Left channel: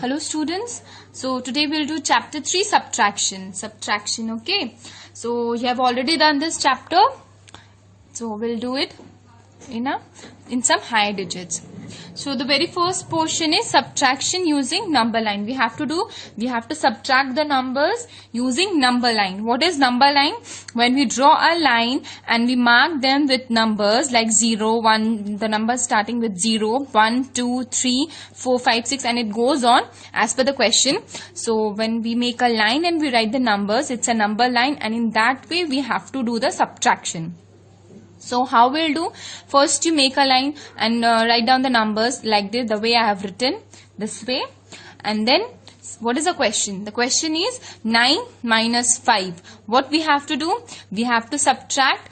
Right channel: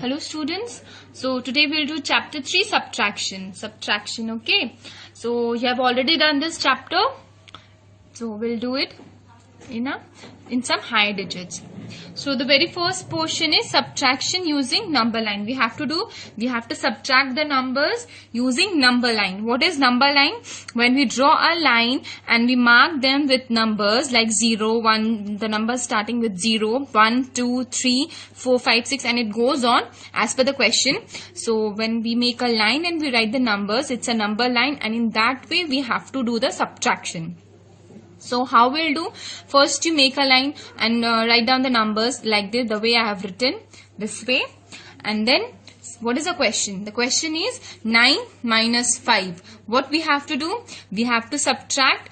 Hello students. So today we'll do chapter 3 subtraction. Okay, so you have already done this chapter, so we'll do it in some higher digits. So the very first portion is subtraction using number line. We have to subtract the numbers using number line. What is number line? When we draw a line and we mark them with numbers like 0, 1, the numbers starting with 0, 1, 2, 3, 4, 5, 6 and it goes on as per the question. So when we make a line and we write the numbers, it's a number line, and in that way we have to do the subtraction. So how we'll do? First you make a line and write down the numbers like this, the way I have written, this way. And then what is the question? The question is 9 minus 5. What we have to do? We have to subtract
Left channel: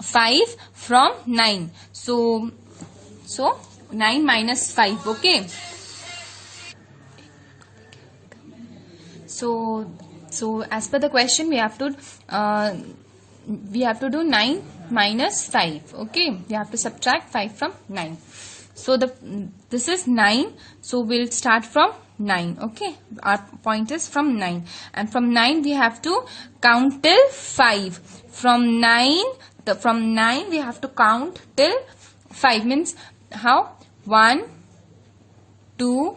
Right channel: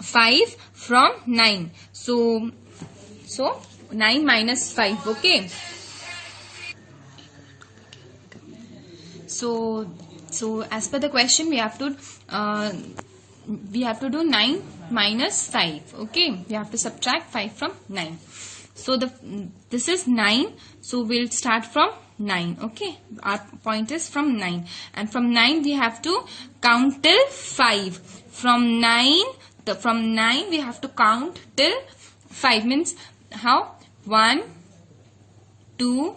5 from 9. So 9 minus 5. Okay. So as per the question, we have to do 9 minus 5. Okay, we have to subtract 5 from 9. So this is 9. So we'll start from 9. Okay, our point is from 9, and from 9 we have to count till 5. From 9 we have to count till 5. Means how? 1, 2,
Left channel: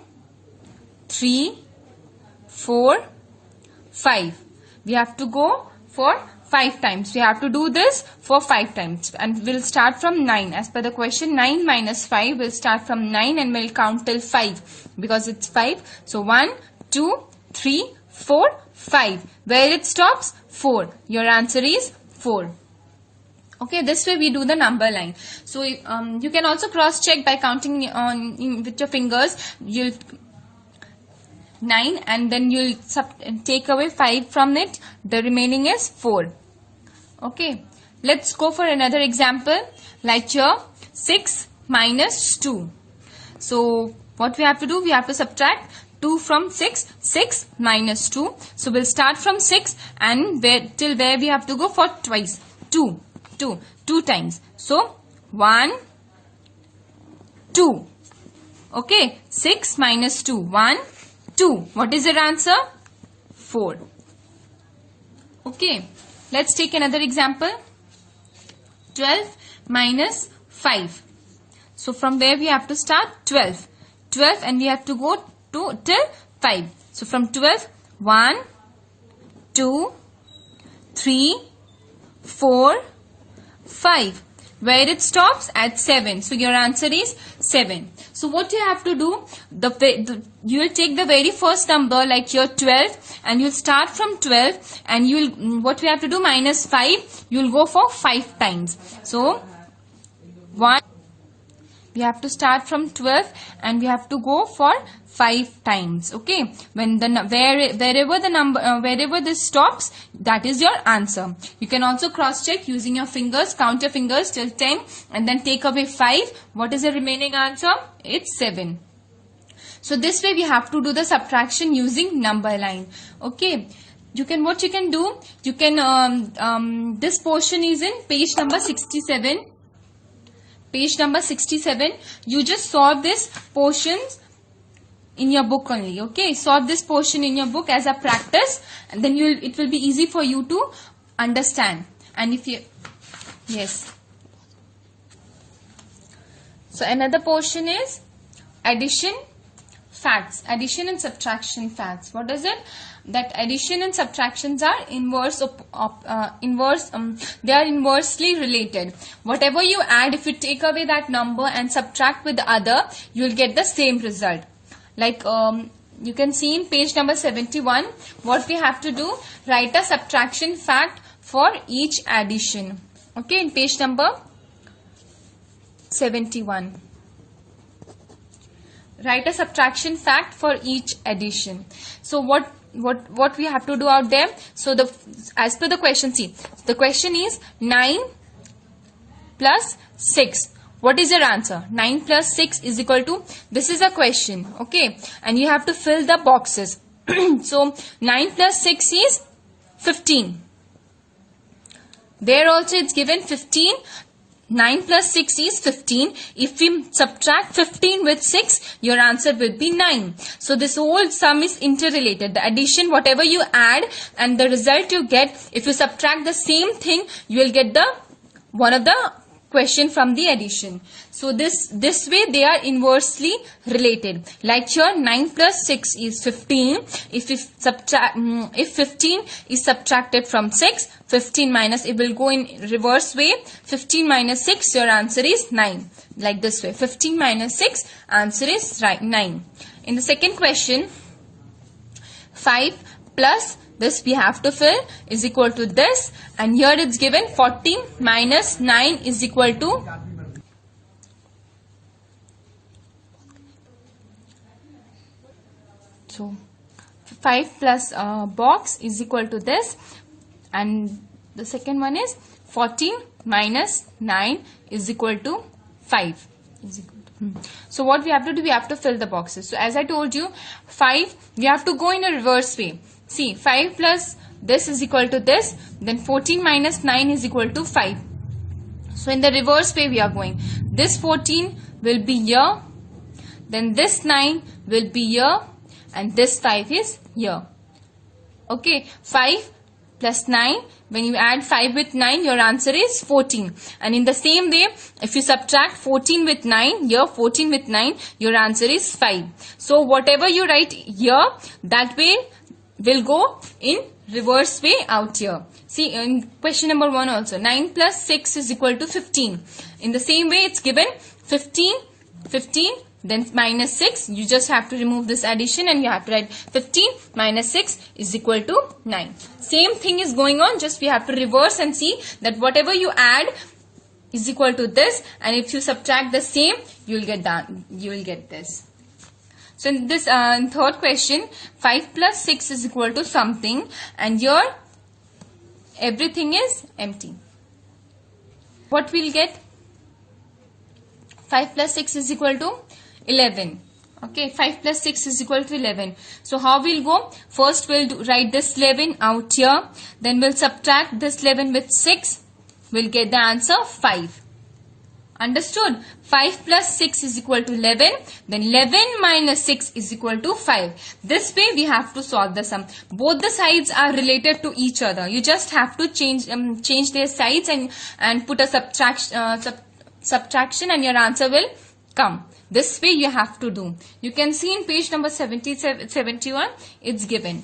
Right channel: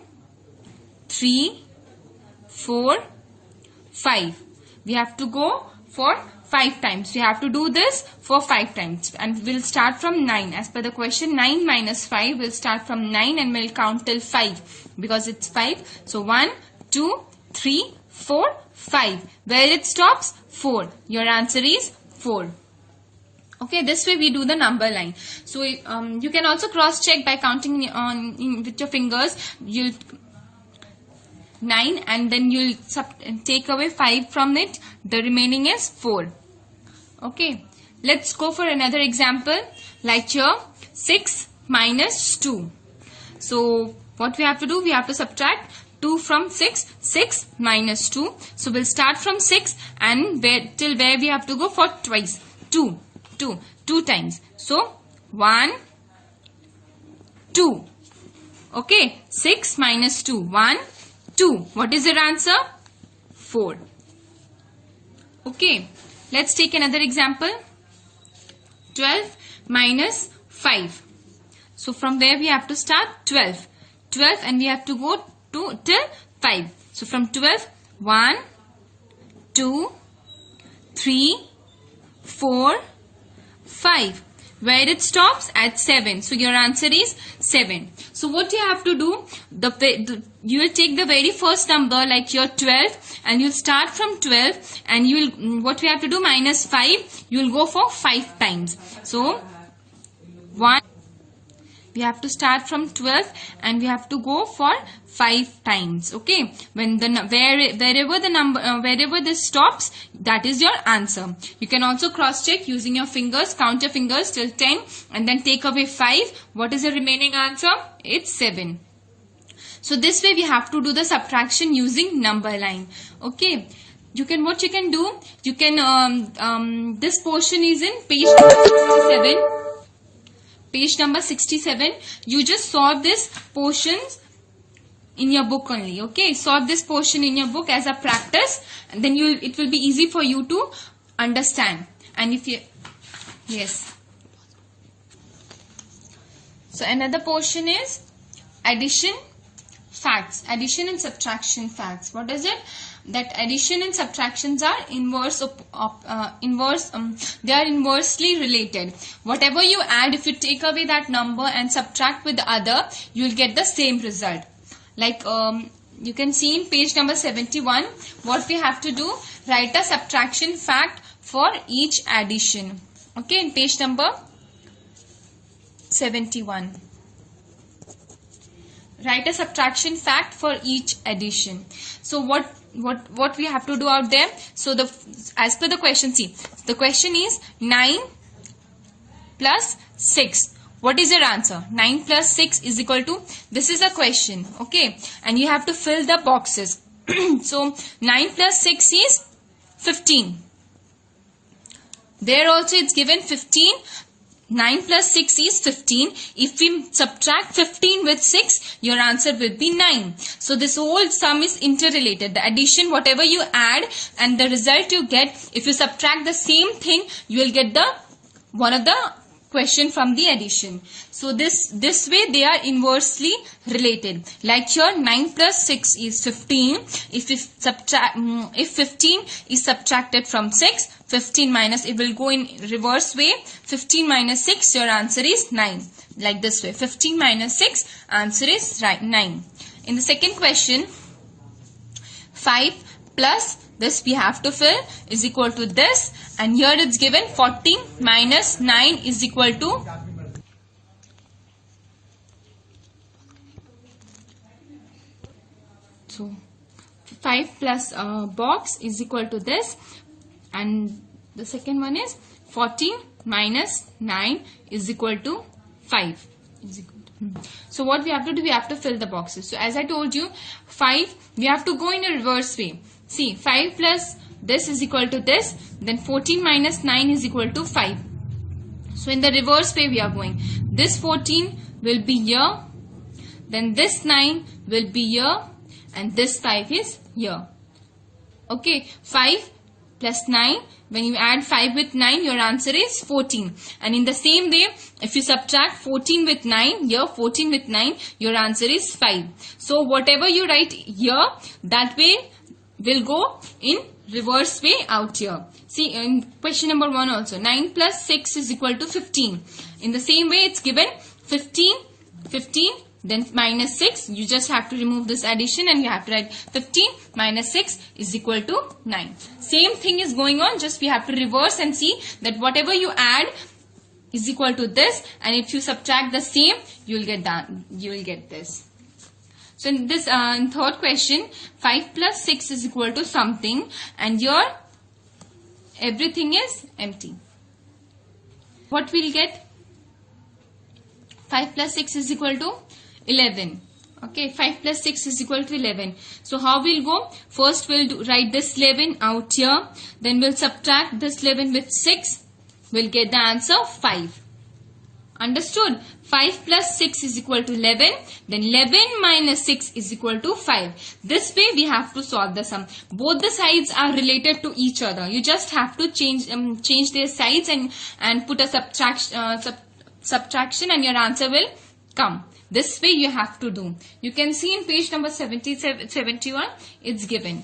3, 4, 5. We have to go for 5 times. We have to do this for 5 times, and we'll start from 9. As per the question, 9 minus 5, we'll start from 9 and we'll count till 5 because it's 5. So 1, 2, 3, 4, 5. Where it stops? 4. Your answer is 4. Okay, this way we do the number line. So you can also cross check by counting with your fingers. You'll 9 and then you'll take away 5 from it. The remaining is 4. Okay, let's go for another example. Like here, 6 minus 2. So what we have to do? We have to subtract 2 from 6. 6 minus 2. So we'll start from 6 and till where we have to go for twice. 2 times. So 1, 2. Okay, 6 minus 2. 1, 2. What is your answer? 4. Okay, let's take another example. 12 minus 5. So from there we have to start 12 and we have to go till 5. So from 12, 1, 2, 3, 4, 5. Where it stops? At 7. So your answer is 7. So what you have to do? You will take the very first number like here 12 and you'll start from 12 and what we have to do? Minus 5. You will go for 5 times. So 1. We have to start from 12 and we have to go for 5 times. Okay, when wherever this stops, that is your answer. You can also cross check using your fingers. Count your fingers till 10 and then take away 5. What is the remaining answer? It's 7. So this way we have to do the subtraction using number line. Okay, what you can do? You can this portion is in page number 67. Page number 67. You just solve this portions in your book only. Okay, solve this portion in your book as a practice, and then it will be easy for you to understand. And if you so another portion is addition facts, addition and subtraction facts. What is it? That addition and subtractions are they are inversely related. Whatever you add, if you take away that number and subtract with the other, you will get the same result. Like you can see in page number 71, what we have to do? Write a subtraction fact for each addition. Okay, in page number 71. Write a subtraction fact for each addition. So what we have to do out there? So as per the question, see, the question is 9 plus 6. What is your answer? 9 plus 6 is equal to, this is a question, okay, and you have to fill the boxes. So 9 plus 6 is 15. There also it's given 15. 9 plus 6 is 15. If we subtract 15 with 6, your answer will be 9. So this whole sum is interrelated. The addition, whatever you add and the result you get, if you subtract the same thing, you will get the one of the question from the addition. So this way they are inversely related. Like here 9 plus 6 is 15. If 15 is subtracted from 6, 15 minus, it will go in reverse way. 15 minus 6, your answer is 9. Like this way. 15 minus 6, answer is right 9. In the second question, 5 plus this we have to fill is equal to this, and here it's given 14 minus 9 is equal to so 5 plus box is equal to this, and the second one is 14 minus 9 is equal to 5 is equal to. So what we have to do, we have to fill the boxes. So as I told you, 5 we have to go in a reverse way. See, 5 plus this is equal to this, then 14 minus 9 is equal to 5. So in the reverse way we are going. This 14 will be here, then this 9 will be here, and this 5 is here. Okay, 5 plus 9, when you add 5 with 9, your answer is 14. And in the same way, if you subtract 14 with 9, here 14 with 9, your answer is 5. So whatever you write here, that way will go in reverse way out here. See, in question number 1 also, 9 plus 6 is equal to 15. In the same way, it's given 15, then minus 6. You just have to remove this addition and you have to write 15 minus 6 is equal to 9. Same thing is going on, just we have to reverse and see that whatever you add is equal to this, and if you subtract the same, you will get this. So in this in third question, 5 plus 6 is equal to something, and here everything is empty. What we'll get? 5 plus 6 is equal to 11. Okay, 5 plus 6 is equal to 11. So how we'll go? First we'll write this 11 out here. Then we'll subtract this 11 with 6. We'll get the answer 5. Understood? 5 plus 6 is equal to 11. Then 11 minus 6 is equal to 5. This way we have to solve the sum. Both the sides are related to each other. You just have to change their sides and put a subtraction and your answer will come. This way you have to do. You can see in page number 71, it's given.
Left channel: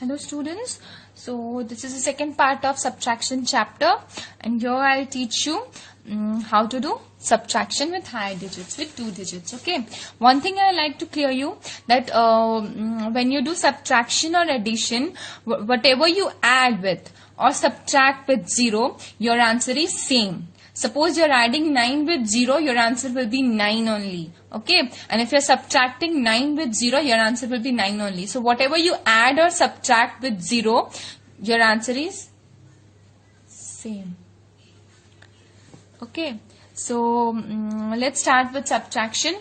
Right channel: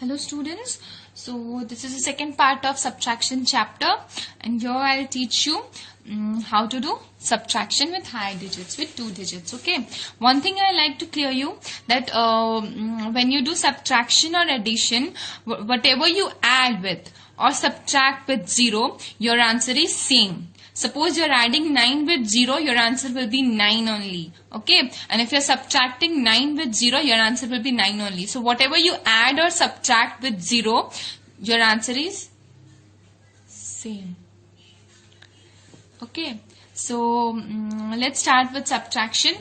Hello students. So this is the second part of subtraction chapter, and here I'll teach you how to do subtraction with high digits, with 2 digits. Okay. One thing I like to clear you that when you do subtraction or addition, whatever you add with or subtract with 0, your answer is same. Suppose you're adding 9 with 0, your answer will be 9 only. Okay. And if you're subtracting 9 with 0, your answer will be 9 only. So whatever you add or subtract with 0, your answer is same. Okay. So let's start with subtraction.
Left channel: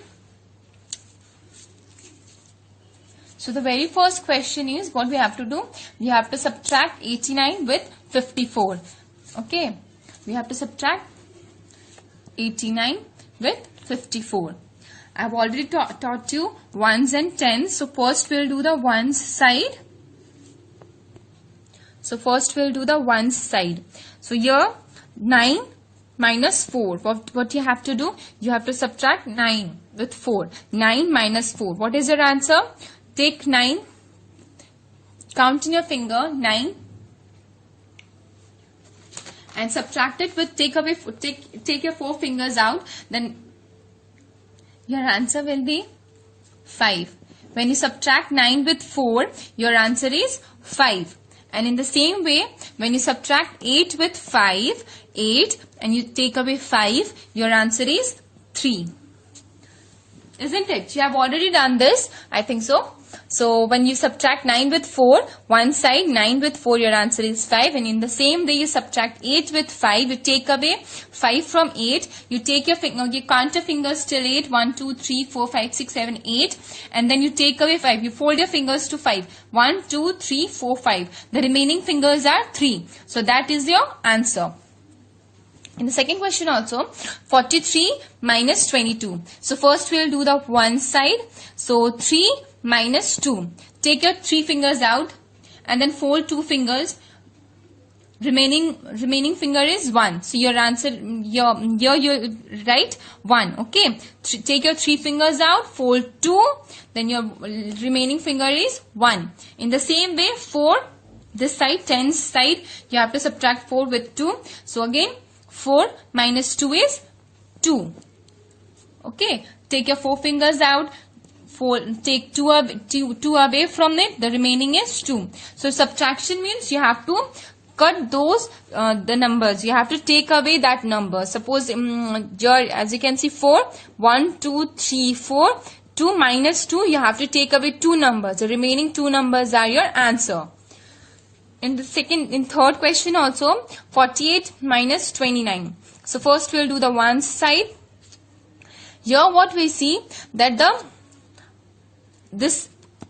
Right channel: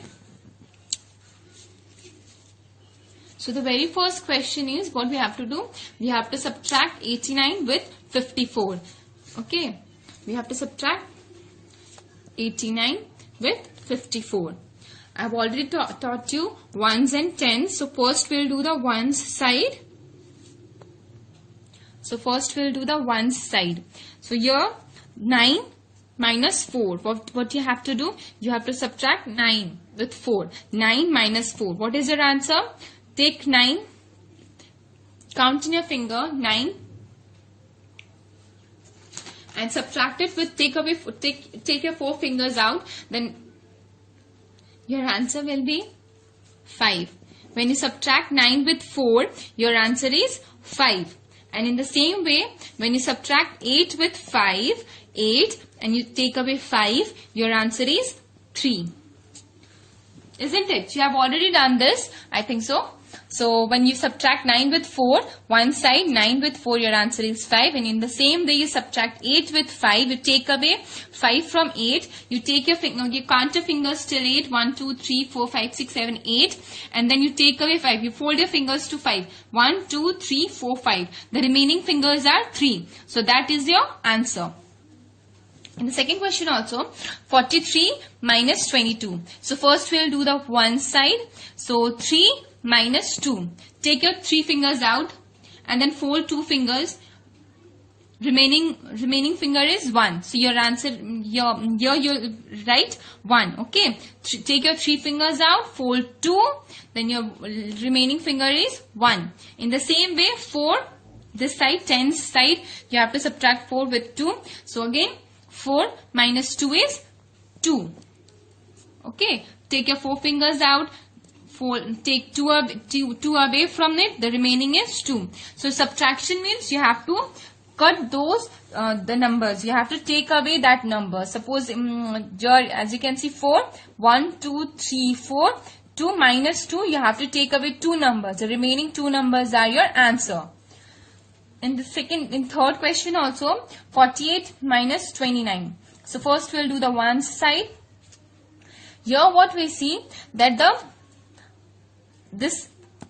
So the very first question is what we have to do. We have to subtract 89 with 54. Okay. We have to subtract 89 with 54. I've already taught you ones and tens. So first we'll do the ones side. So here 9 minus 4. What you have to do? You have to subtract 9 with 4. 9 minus 4. What is your answer? Take 9. Count in your finger 9. And subtract it with take your 4 fingers out, then your answer will be 5. When you subtract 9 with 4, your answer is 5. And in the same way, when you subtract 8 with 5, 8, and you take away 5, your answer is 3. Isn't it? You have already done this, I think so. So when you subtract 9 with 4, one side 9 with 4, your answer is 5. And in the same way you subtract 8 with 5, you take away 5 from 8, you take your finger, you count your fingers till 8, 1, 2, 3, 4, 5, 6, 7, 8, and then you take away 5, you fold your fingers to 5, 1, 2, 3, 4, 5, the remaining fingers are 3, so that is your answer. In the second question also, 43 minus 22. So first we'll do the one side. So 3 minus 2. Take your 3 fingers out and then fold 2 fingers. Remaining finger is 1. So your answer, you write 1. Okay. Take your 3 fingers out, fold 2. Then your remaining finger is 1. In the same way, 4. This side, 10 side, you have to subtract 4 with 2. So again, 4 minus 2 is 2. Okay. Take your 4 fingers out. Take 2 away from it. The remaining is 2. So subtraction means you have to cut those the numbers. You have to take away that number. Suppose as you can see 4, 1, 2, 3, 4. 2 minus 2, you have to take away 2 numbers. The remaining 2 numbers are your answer. In third question also, 48 minus 29. So first we'll do the one side. Here what we see that this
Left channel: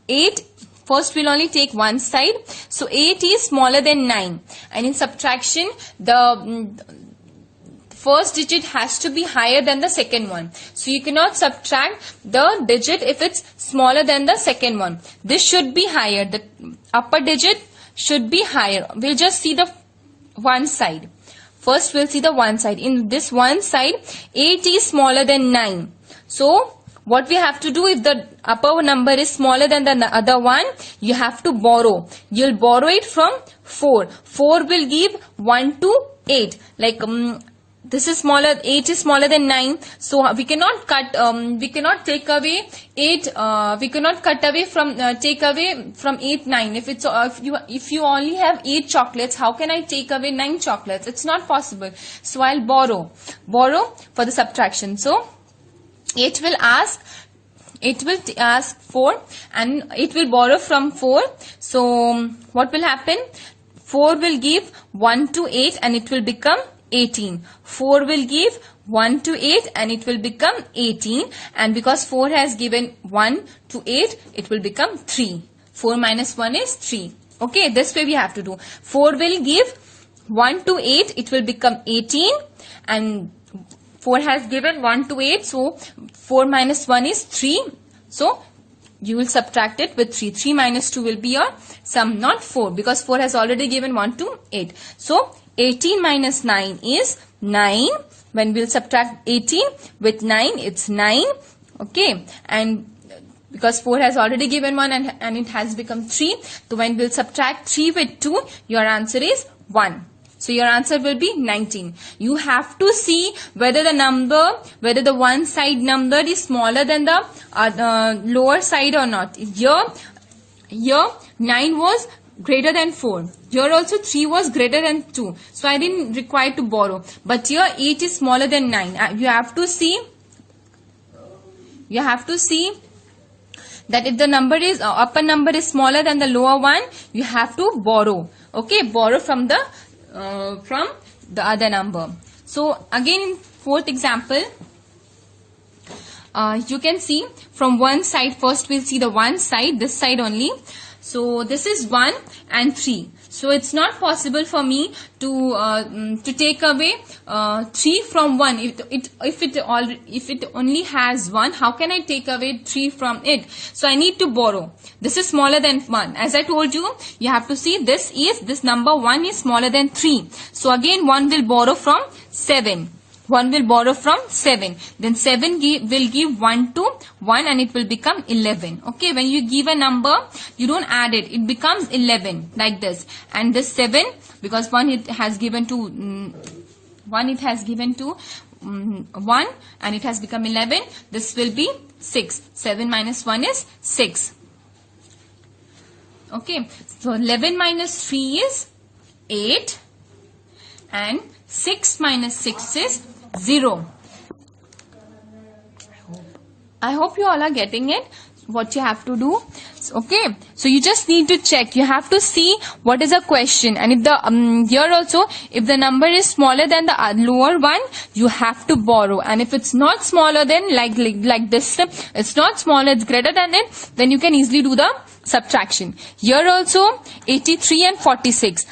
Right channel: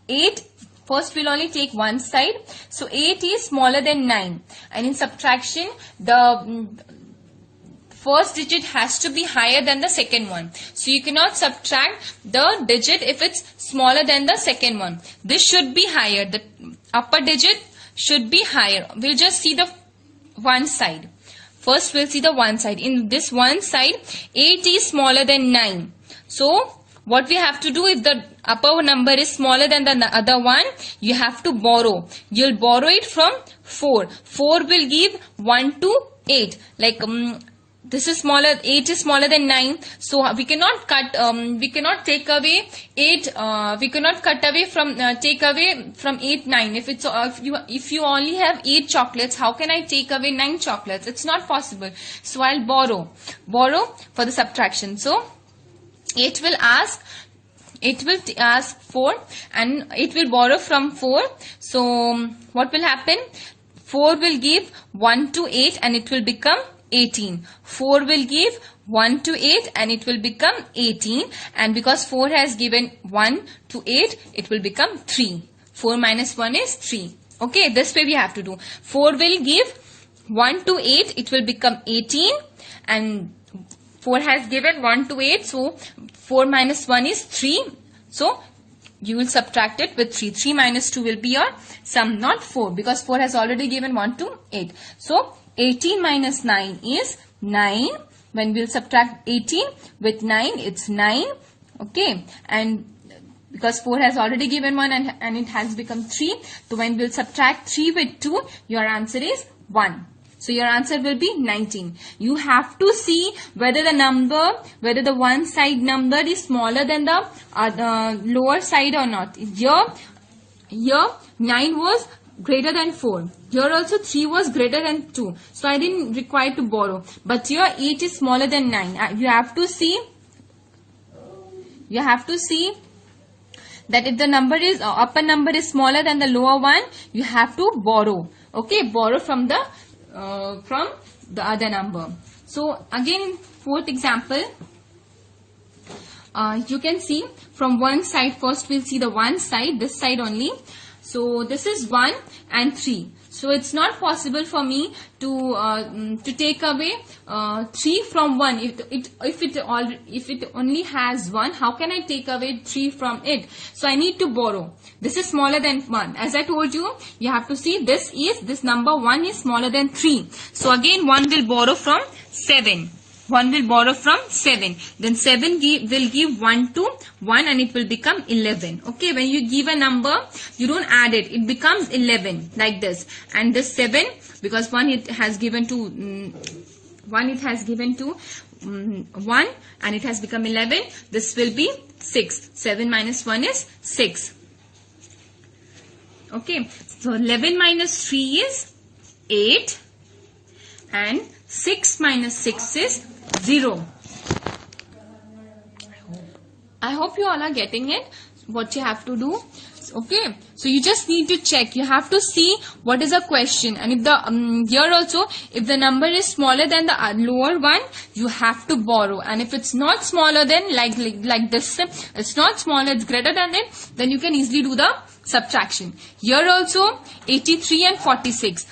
8, first we'll only take one side. So 8 is smaller than 9. And in subtraction, the first digit has to be higher than the second one. So you cannot subtract the digit if it's smaller than the second one. This should be higher. The upper digit should be higher. We'll just see the one side. First we'll see the one side. In this one side, 8 is smaller than 9. So what we have to do, if the upper number is smaller than the other one, you have to borrow. You'll borrow it from 4. 4 will give 1 to 8. Like this is smaller, 8 is smaller than 9. So we cannot take away 8, we cannot cut away from, take away from 8, 9. If you only have 8 chocolates, how can I take away 9 chocolates? It's not possible. So I'll borrow for the subtraction. So it will ask 4 and it will borrow from 4. So what will happen? 4 will give 1 to 8 and it will become 18. 4 will give 1 to 8 and it will become 18. And because 4 has given 1 to 8, it will become 3. 4 minus 1 is 3. Okay, this way we have to do. 4 will give 1 to 8, it will become 18. And 4 has given 1 to 8, so 4 minus 1 is 3. So you will subtract it with 3. 3 minus 2 will be your sum, not 4, because 4 has already given 1 to 8. So 18 minus 9 is 9. When we'll subtract 18 with 9, it's 9. Okay. And because 4 has already given 1 and it has become 3. So when we'll subtract 3 with 2, your answer is 1. So your answer will be 19. You have to see whether the one side number is smaller than the lower side or not. Here 9 was greater than 4. Here also 3 was greater than 2. So I didn't require to borrow. But here 8 is smaller than 9. You have to see that if the number is upper number is smaller than the lower one, you have to borrow. Okay, borrow from the other number. So again in fourth example, you can see from one side. First we'll see the one side, this side only. So this is 1 and 3. So it's not possible for me to take away 3 from 1. If it only has 1, how can I take away 3 from it? So I need to borrow. This is smaller than 1. As I told you, you have to see this number 1 is smaller than 3. So again 1 will borrow from 7. 1 will borrow from 7. Then 7 will give 1 to 1 and it will become 11. Okay, when you give a number, you don't add it. It becomes 11 like this. And this 7, because 1 it has given to 1 and it has become 11. This will be 6. 7 minus 1 is 6. Okay, so 11 minus 3 is 8 and 6 minus 6 is 0. I hope you all are getting it. what you have to do. Okay, so you just need to check. You have to see what is a question, and if the here also, if the number is smaller than the lower one, you have to borrow, and if it's not smaller than like this, it's not smaller, it's greater than it, then you can easily do the subtraction. Here also 83 and 46.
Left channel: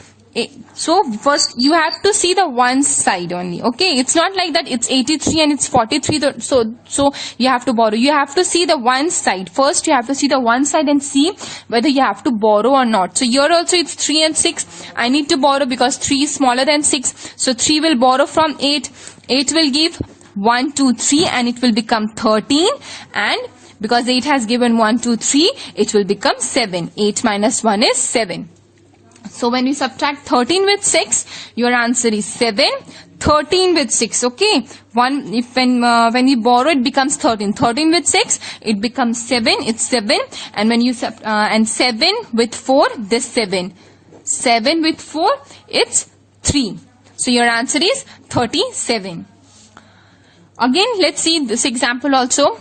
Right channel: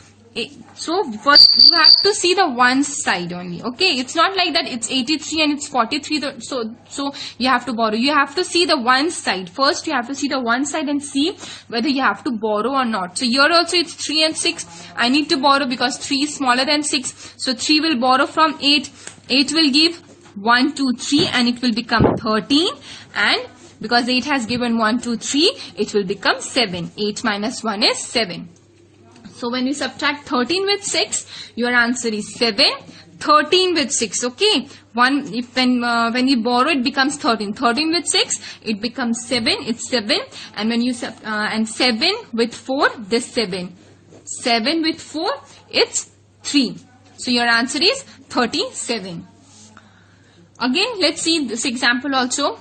So first you have to see the one side only. Okay, it's not like that it's 83 and it's 43, so you have to borrow. You have to see the one side first. You have to see the one side and see whether you have to borrow or not. So here also it's 3 and 6. I need to borrow because 3 is smaller than 6, so 3 will borrow from 8. 8 will give 1 2 3 and it will become 13, and because 8 has given 1 2 3, it will become 7. 8 minus 1 is 7. So when you subtract 13 with 6, your answer is 7. 13 with 6, okay. When you borrow, it becomes 13. 13 with 6, it becomes 7. It's 7. And when you and 7 with 4, this 7. 7 with 4, it's 3. So your answer is 37. Again, let's see this example also.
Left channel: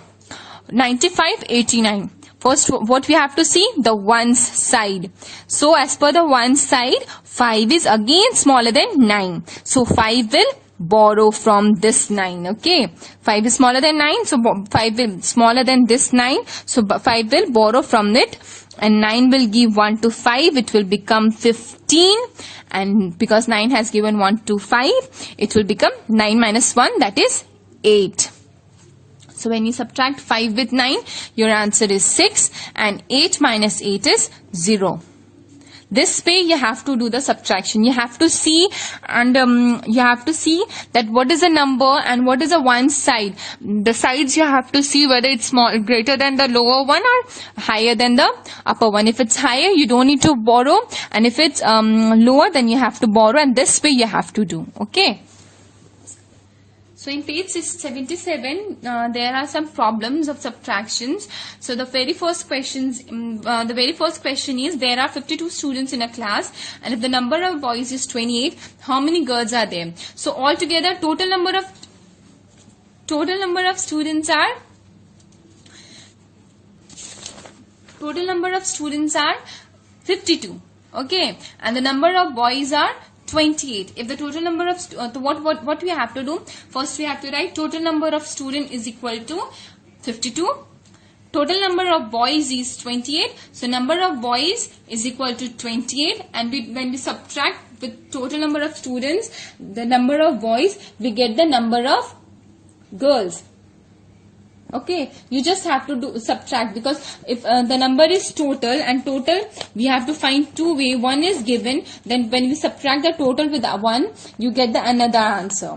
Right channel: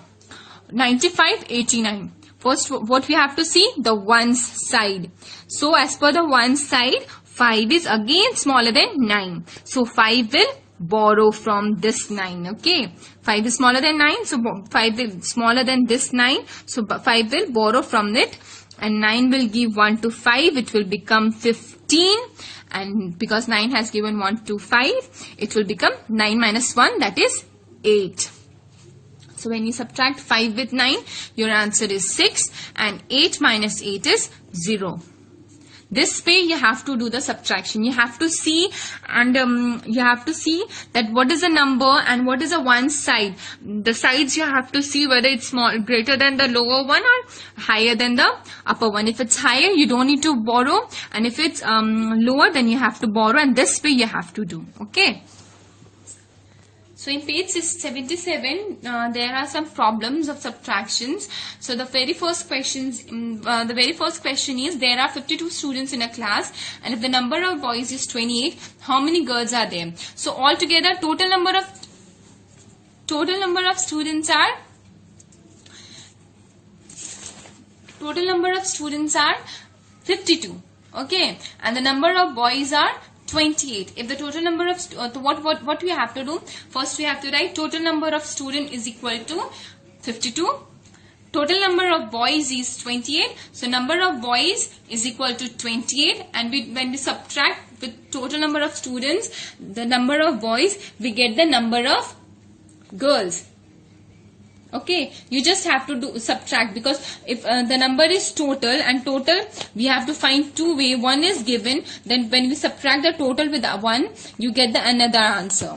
95, 89. First, what we have to see? The ones side. So, as per the ones side, 5 is again smaller than 9. So, 5 will borrow from this 9. Okay. 5 is smaller than 9. So, 5 will smaller than this 9. So, 5 will borrow from it. And 9 will give 1 to 5. It will become 15. And because 9 has given 1 to 5, it will become 9 minus 1. That is 8. So when you subtract 5 with 9, your answer is 6, and 8 minus 8 is 0. This way you have to do the subtraction. You have to see, and you have to see that what is the number and what is the one side. The sides you have to see whether it's greater than the lower one or higher than the upper one. If it's higher, you don't need to borrow, and if it's lower, then you have to borrow, and this way you have to do. Okay. So in page 77, there are some problems of subtractions. So the very first question is, there are 52 students in a class, and if the number of boys is 28, how many girls are there? So altogether, total number of students are 52. Okay, and the number of boys are 28. If the total number of what we have to do? First we have to write total number of student is equal to 52. Total number of boys is 28. So number of boys is equal to 28, and when we subtract with total number of students, the number of boys, we get the number of girls. Okay, you just have to subtract, because if the number is total, and total we have to find two ways. One is given, then when we subtract the total with the one, you get the another answer.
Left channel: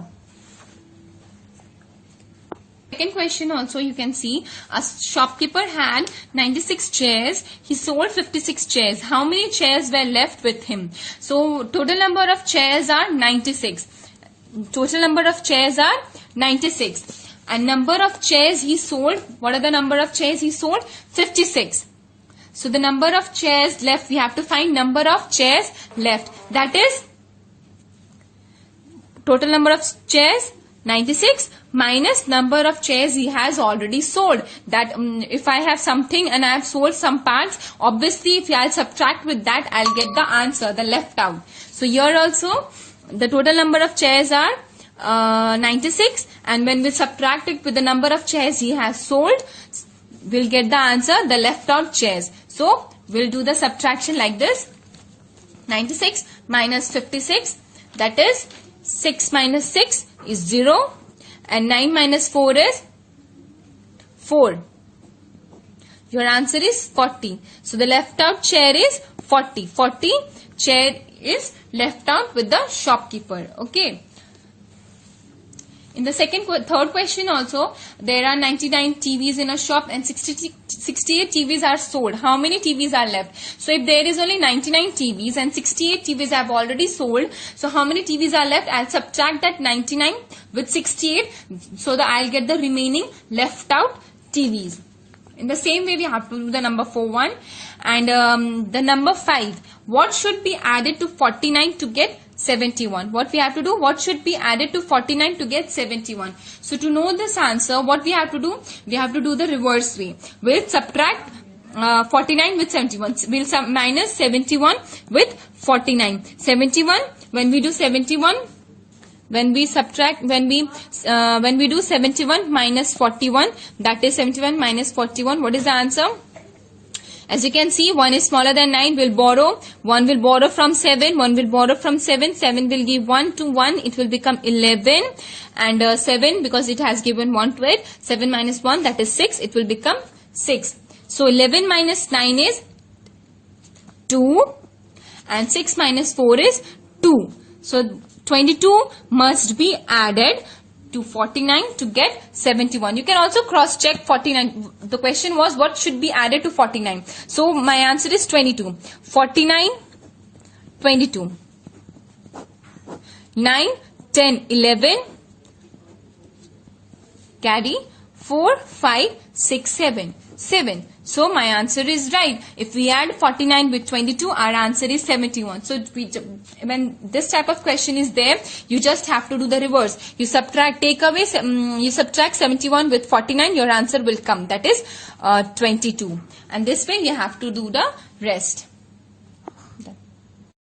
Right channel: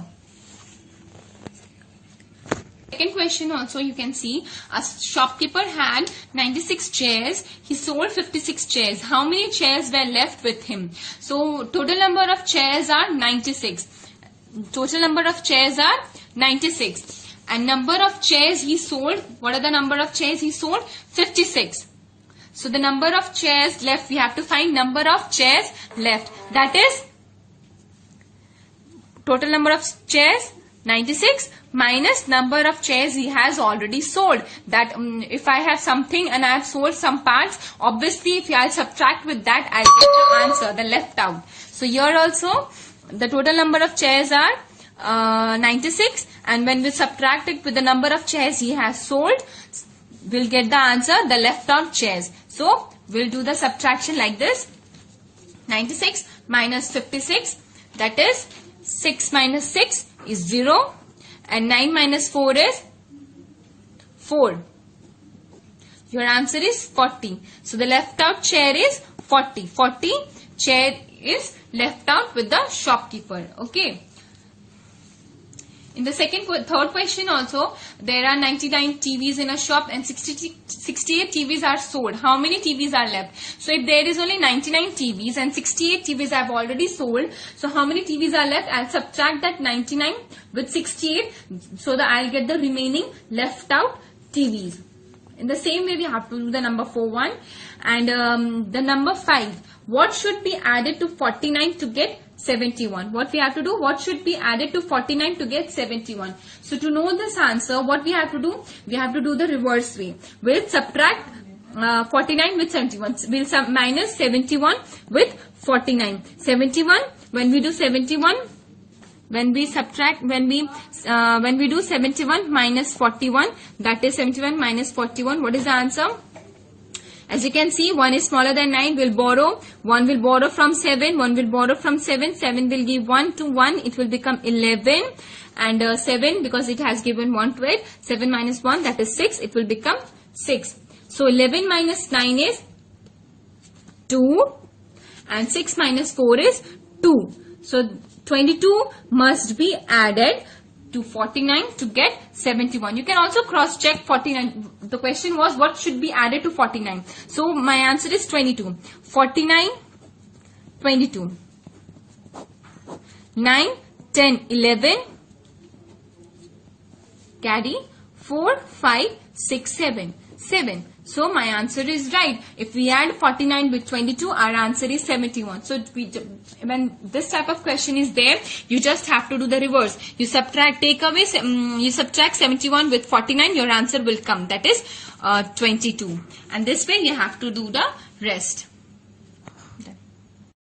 Second question also, you can see a shopkeeper had 96 chairs. He sold 56 chairs. How many chairs were left with him? So total number of chairs are 96. Total number of chairs are 96. And number of chairs he sold, what are the number of chairs he sold? 56. So the number of chairs left, we have to find number of chairs left. That is total number of chairs 96 minus number of chairs he has already sold. That if I have something and I have sold some parts, obviously if I'll subtract with that, I'll get the answer, the left out. So here also the total number of chairs are 96, and when we subtract it with the number of chairs he has sold, we'll get the answer, the left out chairs. So we'll do the subtraction like this. 96 minus 56, that is 6 minus 6 is 0, and 9 minus 4 is 4. Your answer is 40. So the left out chair is 40. 40 chair is left out with the shopkeeper. Okay. In the third question also, there are 99 TVs in a shop and 68 TVs are sold. How many TVs are left? So if there is only 99 TVs and 68 TVs have already sold, so how many TVs are left? I'll subtract that 99 with 68, so that I'll get the remaining left out TVs. In the same way, we have to do the number 41 and the number 5. What should be added to 49 to get 71. What we have to do? What should be added to 49 to get 71? So to know this answer, what we have to do? We have to do the reverse way. We'll subtract 49 with 71. We'll minus 71 with 49. 71, when we do 71, when we subtract, when we do 71 minus 41, that is 71 minus 41. What is the answer? As you can see, 1 is smaller than 9. We'll borrow. 1 will borrow from 7. 1 will borrow from 7. 7 will give 1 to 1. It will become 11. And 7, because it has given 1 to it. 7 minus 1, that is 6. It will become 6. So 11 minus 9 is 2. And 6 minus 4 is 2. So 22 must be added to 49 to get 71. You can also cross check 49. The question was what should be added to 49. So my answer is 22. 49, 22. 9, 10, 11. Carry 4, 5, 6, 7. 7. So my answer is right. If we add 49 with 22, our answer is 71. So when this type of question is there, you just have to do the reverse. You subtract, you subtract 71 with 49, your answer will come. That is 22. And this way you have to do the rest.